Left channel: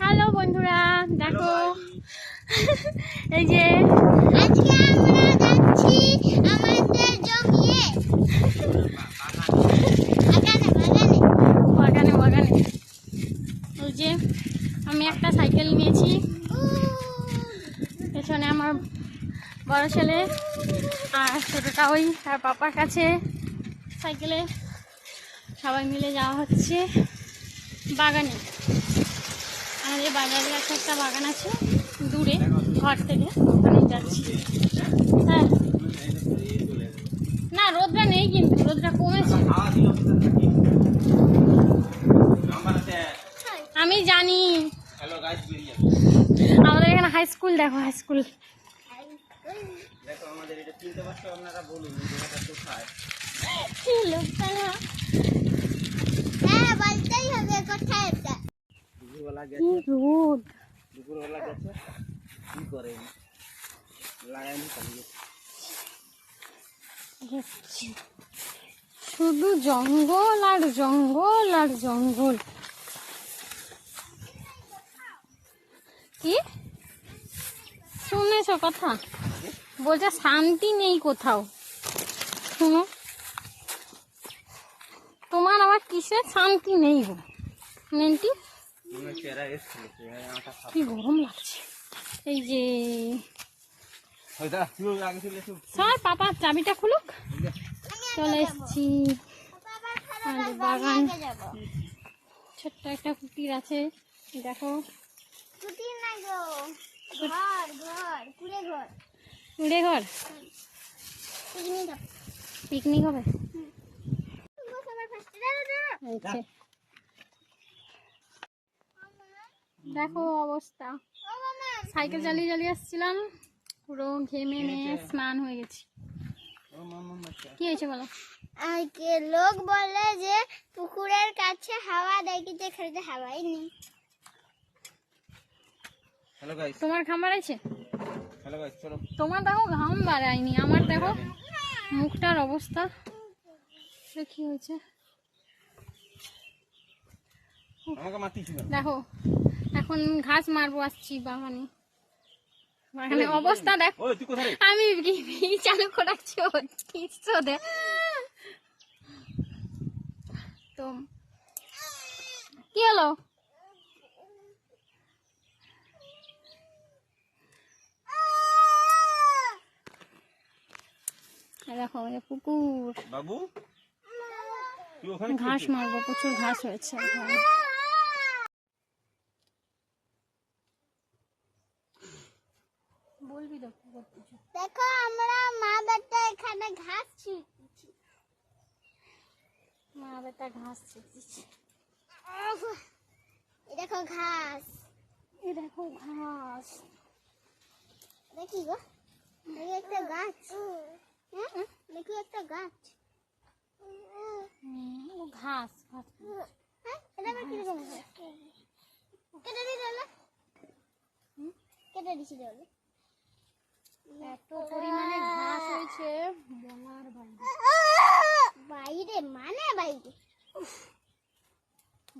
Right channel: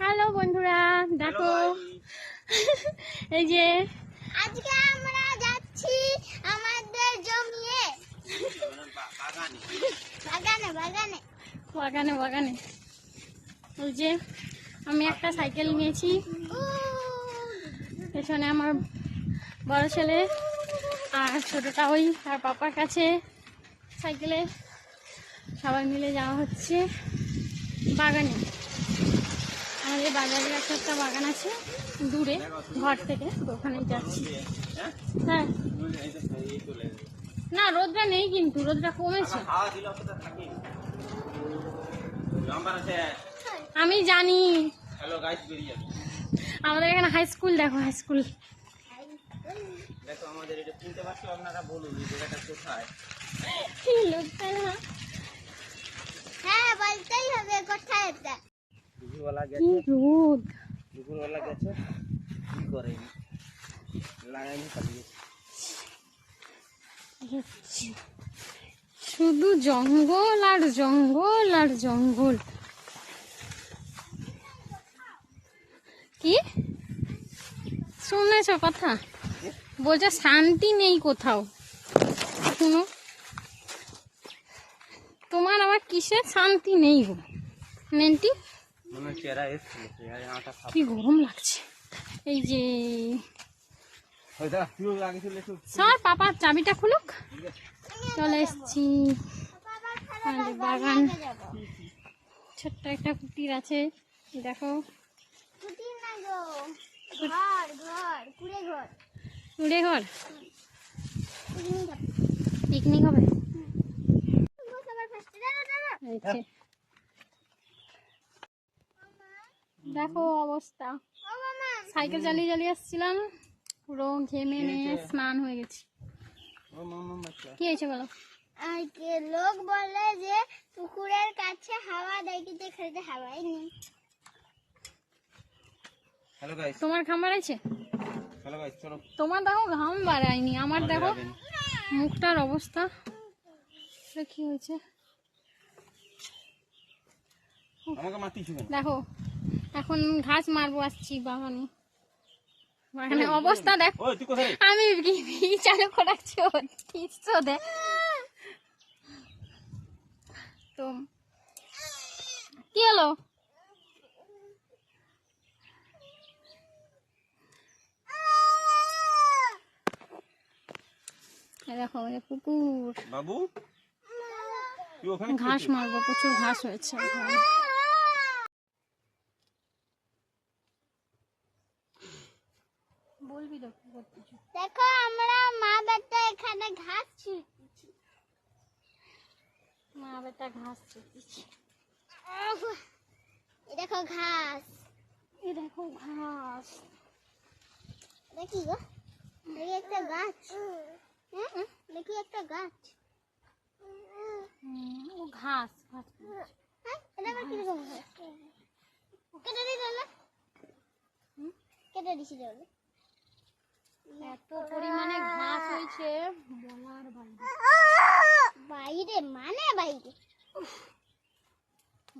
Hello বন্ধুরা, দেখো এই যে আজকে আমরা যাচ্ছি আমাদের জমিতে বাগানে। ওই যে আমি একটা সাইকেল নিয়েছি, পেছনে আমার বড় ছেলে আর ছোটোটা ওই তার পাপার কাছে সাইকেলে সবাই মিলে যাওয়া হচ্ছে বাগানে। আমাদের বাজারের একটা বাগান আছে দূরে ঘর থেকে, ওখানে যাচ্ছি। হ্যাঁ না, রোদটা নেই, কিন্তু রোদটা কমেছে। আমি জানি আমাদের এখানে হাই স্কুল, দেখো হাই স্কুল। দেখো আমাদের এটা চিনতে পারছো আপনারা, বলুন এই জায়গাটা কোথায়? হ্যাঁ বলতেই হবে কোথায় এটা। দুপুরবেলা কি গেছে, রোদ! দুপুরবেলা গেছে কি করে লাগাইনি পালিয়ে। শুধু জঙ্গল আর জঙ্গল আর জঙ্গল। কি শুনেছ কথা বলছে? শান্তি নেই কোথাও। শোনো, তোমার আবার কিসের শান্তি নেই গো নেন্টি? মনে হচ্ছে এরা এসছিল, কি গরম লাগছে। এই যে স্যার পাপার চাবিটা খুলুক। চলে এসছি আমাদের বাগান। ছোট্ট একটা কুটির আছে, দেখো। ছুটি নাই গো, ঘর কুড়ে ঘর উড়ে ঘর পিকনিক হবে। এই যে, দেখো অবস্থা। সাইকেল চালিয়ে আসছিলাম, পুরো ঘেমে নিয়ে স্নান হয়ে গেছি। কি হয়েছে বলো? লোক বলে যে পুকুরের কাছে হাওয়া দেখিতে খেতে হাওয়াই নেই। হ্যালো গাইস, তোমার ঘাম বাড়াইছে? হ্যালো গাইস চলো। তোমার দেখো ঘাম বাড়ায়নি, আমার দেখো মুখটার অবস্থা কি হয়েছে। আমাকে মারতিস না। দেখো এখন ঘাস মারবো, আসছি বাগানে। বাগানে অবস্থা দেখ। ওই তুই কোথায়? আমি চালু করাচ্ছি দে তো। কি হলো? দেখো আমাদের পুকুর, বাবু তুই ওখানে ঘাস মারবো, প্রচুর ঘাস হয়েছে। বলবি তো কি করতেছো? দেখো আমরা মা বেটা এখানে ঘাস ছিঁড়তেছি। মা বেটা ঘাস ছিঁড়তেছি। এই দেখো ঘাস, এই দেখো ঘাস। দেখি গো, দেখি একটা গাছ। হ্যাঁ দেখি একটা গাছ। ও ঘাস ঘাস। হ্যাঁ এটা আবার কিরকম ঘাস? কেটে দিই তাহলে, কেটে দিছি তাহলে। এত পরিমাণে ঘাস হয়েছে বলার বাইরে। বাইরে মানে বাইরে।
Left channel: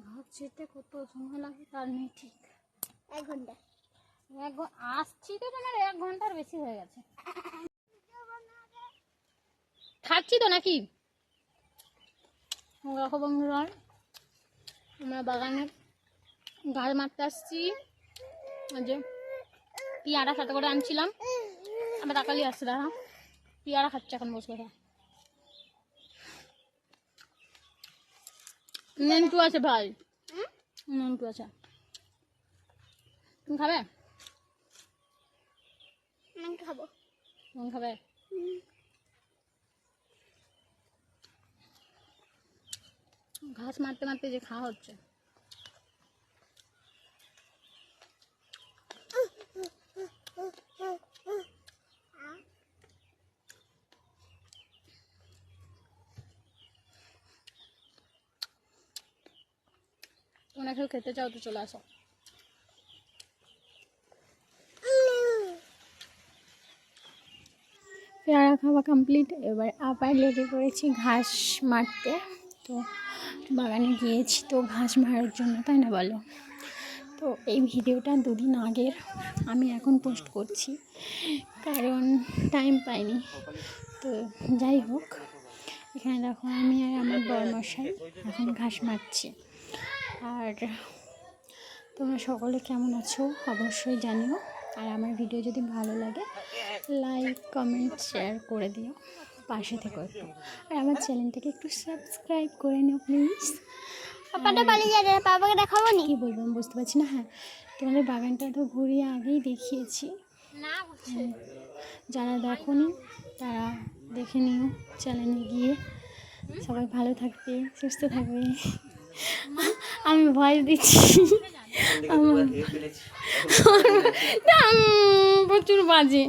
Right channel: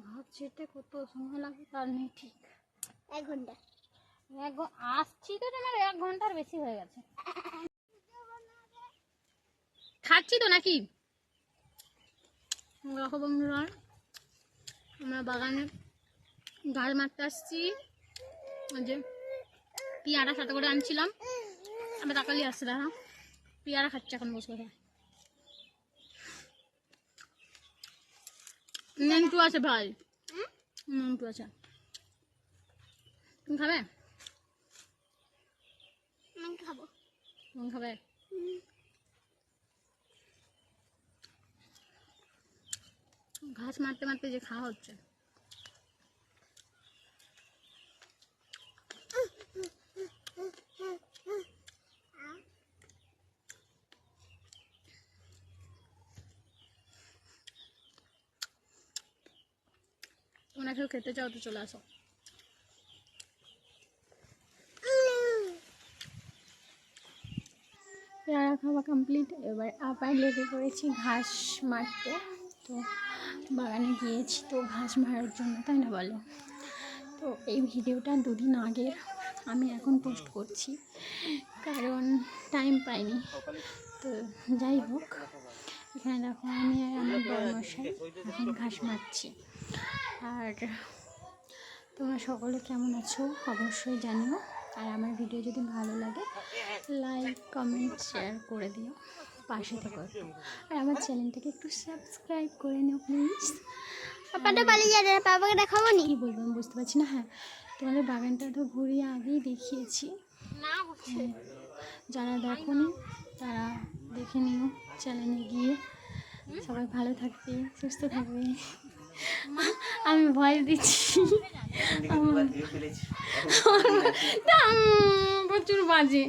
ঘাস ছিঁড়তে কত সময় লাগে তার নেই ঠিক। 1 ঘন্টা। আসছি তো তোমার 1 ঘন্টার বেশি হয়ে গেছে। খাচ্ছি তো নাকি? দেখো বন্ধুরা, আমরা বাগানে ঘাস মারতে আসছি। যে পেয়ারা সাথে করে আনছিলাম, আমার টাকালি আসছে, দেখো পেয়ারা খাচ্ছে এখন বসে বসে। নন্টু আছে ভাই, নন্টু আছে। তুমি খাবে? খাবো। তুমি খাবে? ঘাস মারতে মারতে যে খাওয়া হচ্ছে। তোমরা কেউ খেতে চাও তো চলে আসো। পেয়ারা খাওয়া কমপ্লিট, এবার আবার লেগে পড়েছি ঘাস মারতে। তো বাগানে গিয়েছি তো ঘাস মারার জন্য, তাই না বলো? তো এই ভিডিওটা 2 দিন আগের, আমি এখন পোস্ট করছি কারণ টাইম পাইনি। তো যাই হোক, এখানে দেখো আমি আর আমার বড়মশাই এখন ঘাস মারছি। আর তোমরা সকলে কেমন আছো অবশ্যই জানিও। আর আমার ভিডিও যদি ভালো লাগে লাইক কমেন্ট শেয়ার করে দিও, পাশে থেকো একটু। আর আমার চ্যানেলটাকে একটু সাবস্ক্রাইব করে নিও প্লিজ। পাপাটা পালিয়ে যাবে, পাপাকে দেখাবো নি। কী বলবো আমি বুঝতে পারছি না। হ্যাঁ, তোমাদের বাগানটা তো ঘুরিয়ে আগেই দেখিয়েছি, যারা দেখোনি তারা দেখে নিও চ্যানেলে গিয়ে। সবাই ভালো থাকবে, সুস্থ থাকবে। আমি ভয় দিচ্ছি, প্রচুর বাজে।